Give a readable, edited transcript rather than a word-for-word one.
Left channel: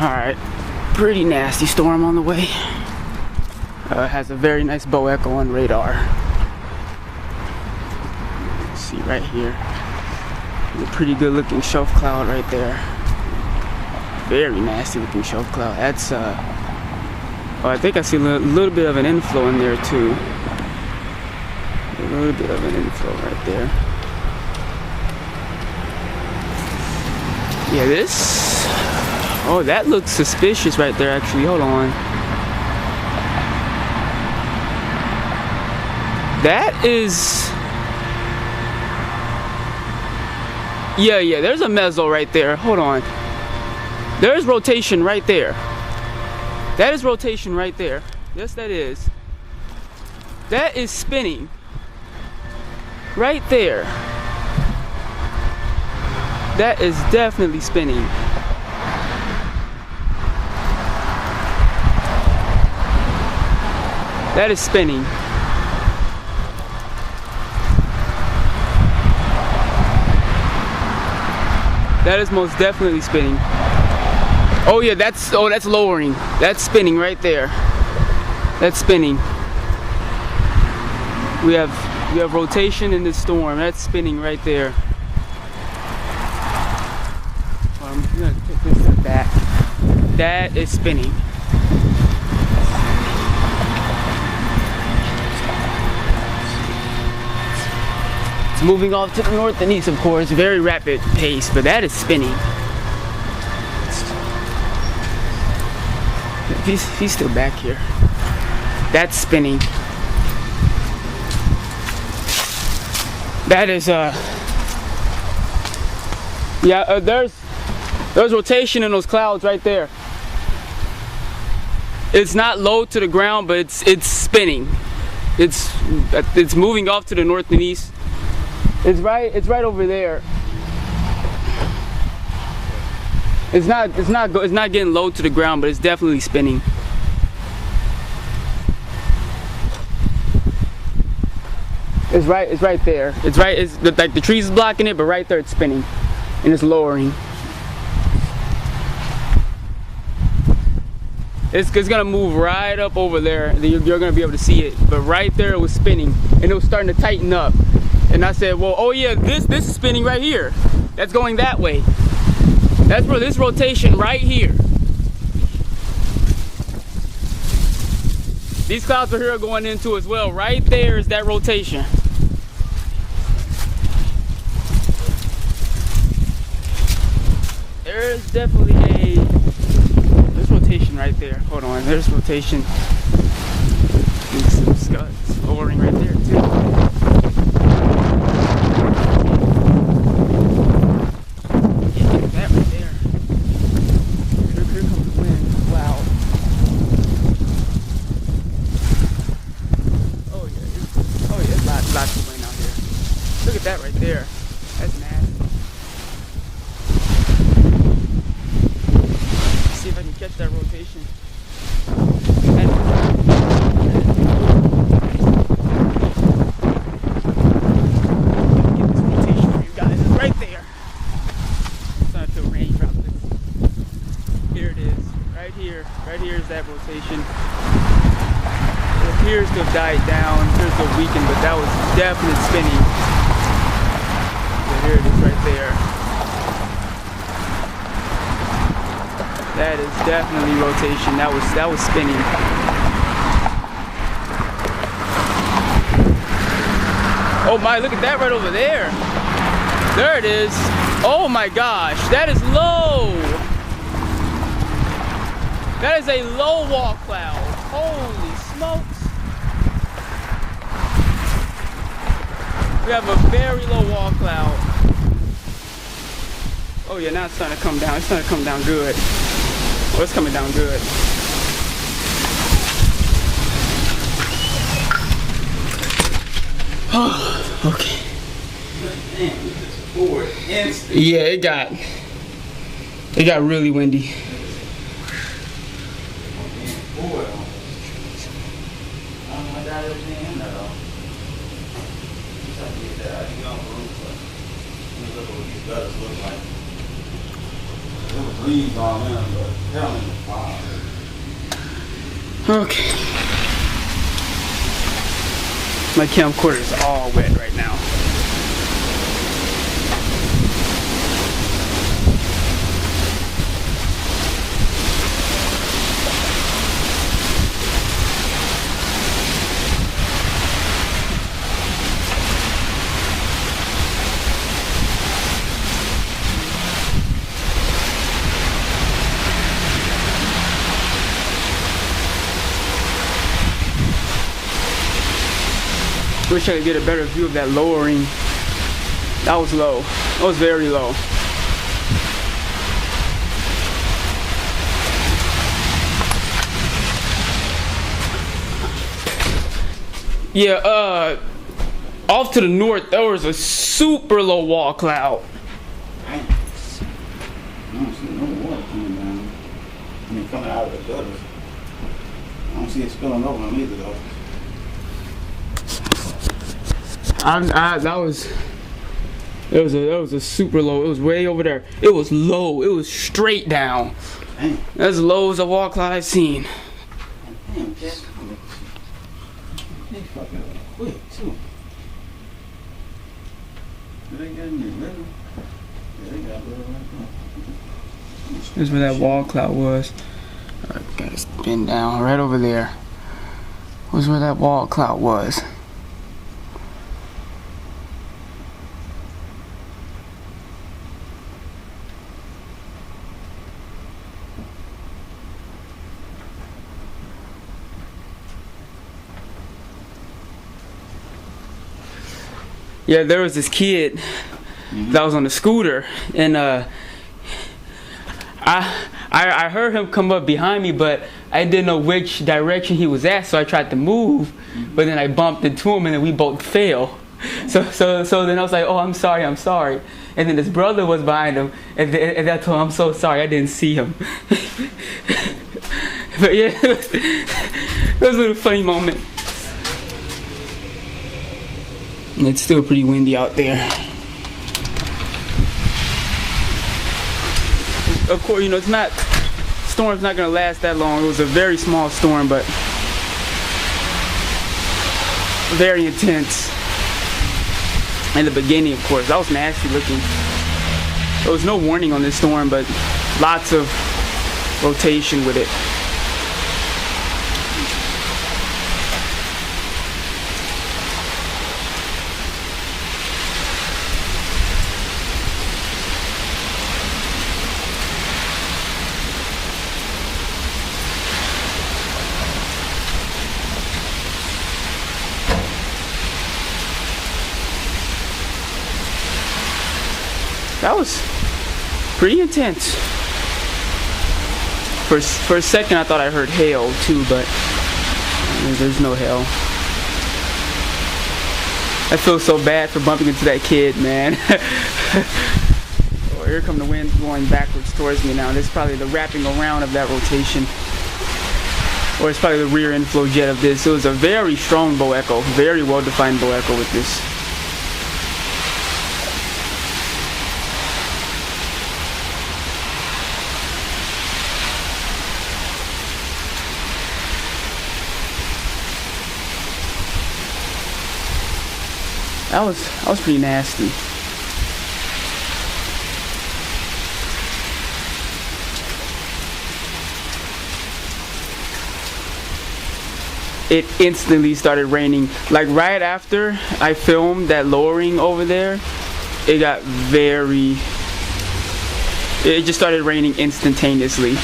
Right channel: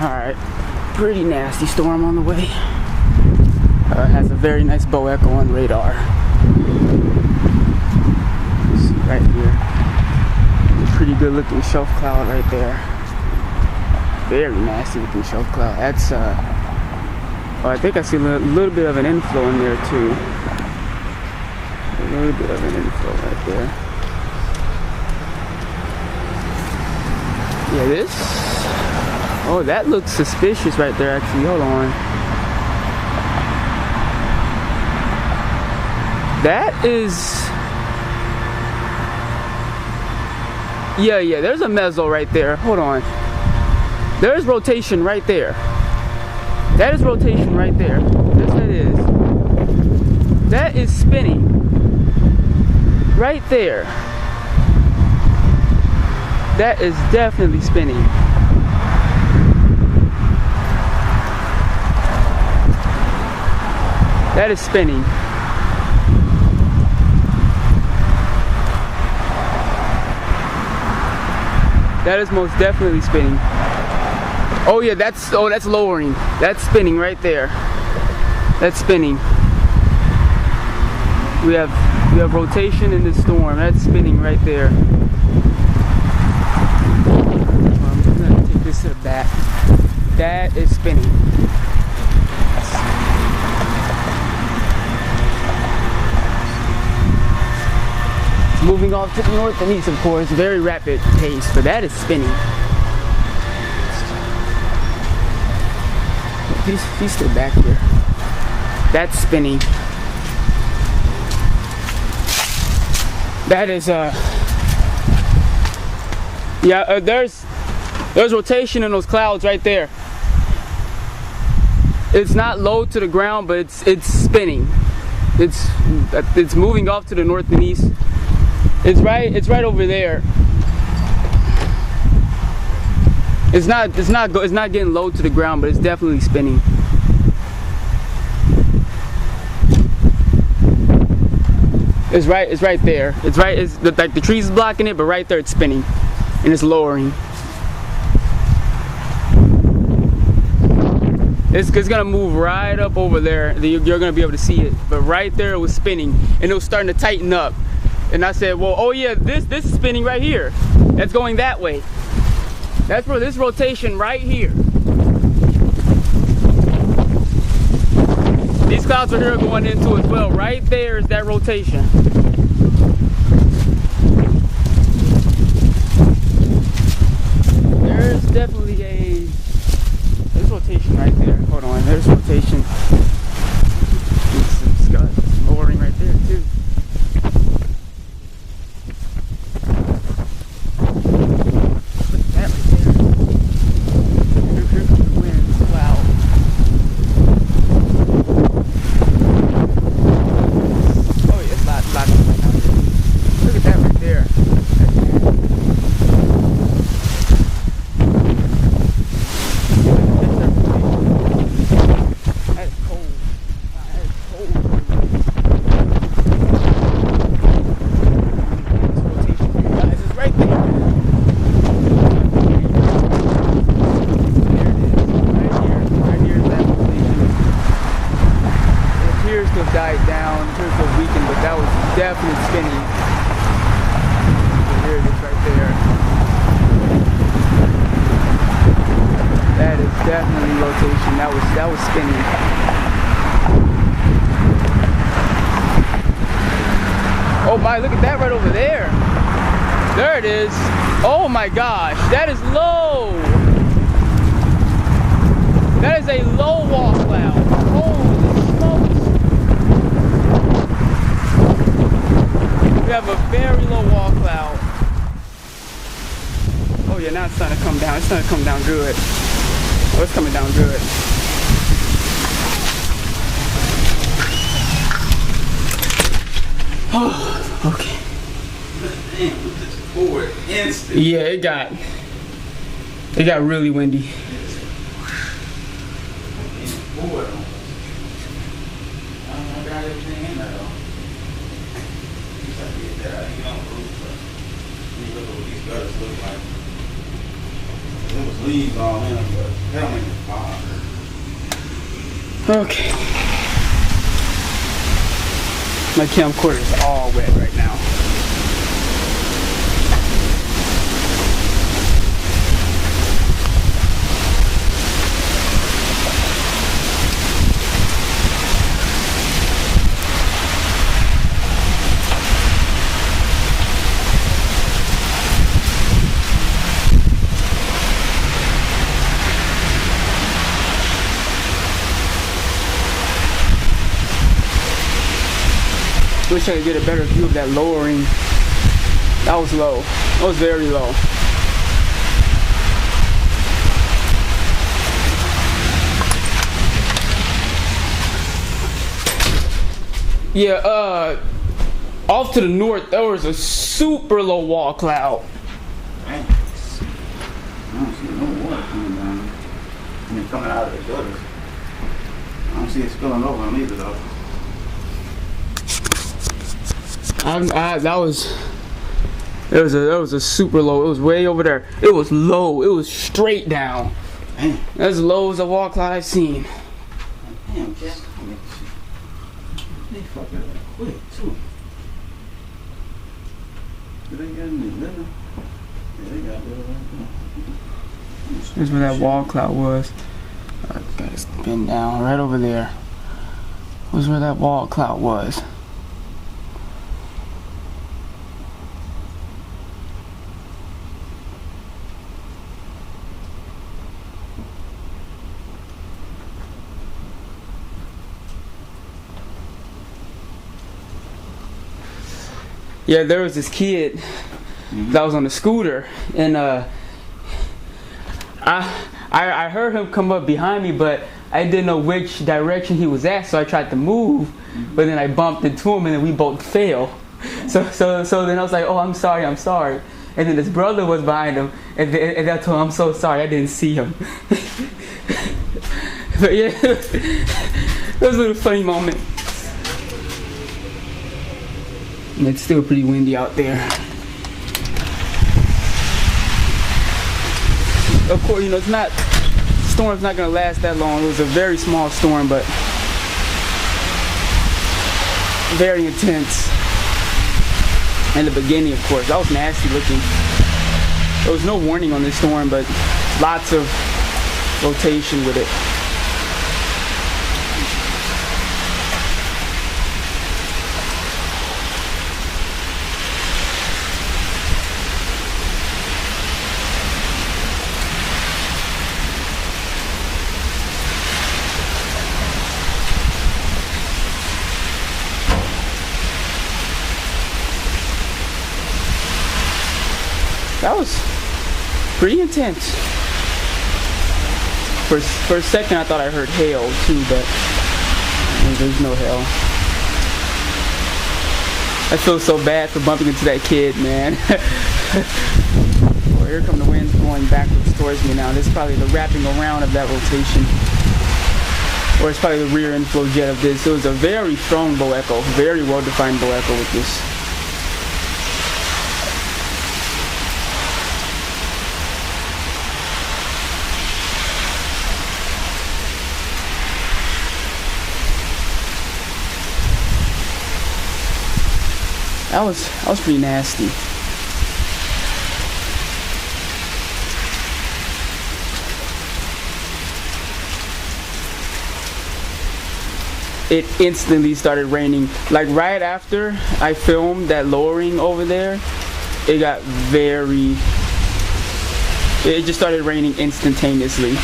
Alright, pretty nasty storm on the way. Has a very nice bow echo on radar. See right here. A pretty good looking shelf cloud right there. Very nasty looking shelf cloud. That's oh, I think I see a little bit of an inflow in there too. A little bit of an inflow right there. Yeah, this. Oh, that looks suspicious right there actually. Hold on. That is. Yeah, there's a mezzo right there. Hold on. There's rotation right there. That is rotation right there. Yes, that is. That is spinning. Right there. That is definitely spinning. That is spinning. That is most definitely spinning. Oh yeah, that's lowering. That's spinning right there. That's spinning. We have rotation in the storm. That's spinning right there. I'm gonna take this to the back. That is spinning. It's moving off to the north and east, of course, very rapid pace, but that is spinning. He's still back here. That's spinning. That is yeah, there's rotation in those clouds right there. It's not low to the ground, but it's spinning. It's moving off to the north and east. It's right over there. It's not getting low to the ground, but it's definitely spinning. It's right there. It's like the trees is blocking it, but right there it's spinning, and it's lowering. It's gonna move right up over there. You're gonna be able to see it, but right there it was spinning, and it was starting to tighten up. And I said, well, oh yeah, this is spinning right here. That's going that way. That's where this rotation right here. These clouds are here going into as well. Right there is that rotation. There's definitely there's rotation right there. Hold on, there's rotation. Some scuds lowering right there too. Look at that right there. That's nasty. Let's see if I can catch that rotation. That's get this rotation for you guys. It's right there. There it is. Right here. Right here is that rotation. It appears to have died down. It appears to have weakened, but that was definite spinning. There it is right there. That is definitely rotation. That was spinning. Oh my, look at that right over there. There it is. Oh my gosh, that is low. That is a low wall cloud. Holy smokes. We have a very low wall cloud. Oh yeah, now it's starting to come down. It's starting to come down good. Oh, it's coming down good. Oh, okay. Yeah, it got really windy. I got everything in there though. Just have to get that. You can on the roof, but you look at what these gutters look like. It was leaves all in, but hell ain't fire. Okay. My camcorder is all wet right now. Wish I could get a better view of that lowering. That was low. That was very low. Yeah, off to the north, there was a super low wall cloud. I don't see no water coming down. I mean, coming out of the gutters. I don't see it spilling over on either though. That was a super low. It was way over there. It was low. It was straight down. Damn. As low as a wall cloud I've seen. Damn, Jess, they fucking quick too. Did they get any litter? Yeah, they got litter right there. This is where that wall cloud was. Alright, gotta spin down right over there. Was where that wall cloud was. Yeah, there was this kid that was on the scooter, and I heard him come up behind me, but I didn't know which direction he was at, so I tried to move, but then I bumped into him, and then we both fell. So then I was like, oh, I'm sorry. And then his brother was behind him, and I told him, I'm so sorry, I didn't see him. But yeah, it was a little funny moment. And it's still pretty windy out there. Of course, you know, storm's not gonna last that long. It was a very small storm, but very intense. In the beginning, of course, that was nasty looking. There was no warning on this storm, but lots of rotation with it. That was pretty intense. For a second I thought I heard hail too, but there's no hail. I feel so bad for bumping into that kid, man. Well, here come the winds blowing backwards towards me now. This is probably the wrapping around of that rotation. Or it's probably the rear inflow jet of this. It was a very strong bow echo, very well defined bow echo with this. That was pretty nasty. It instantly started raining. Like right after I filmed that lowering over there, it just started raining instantaneously.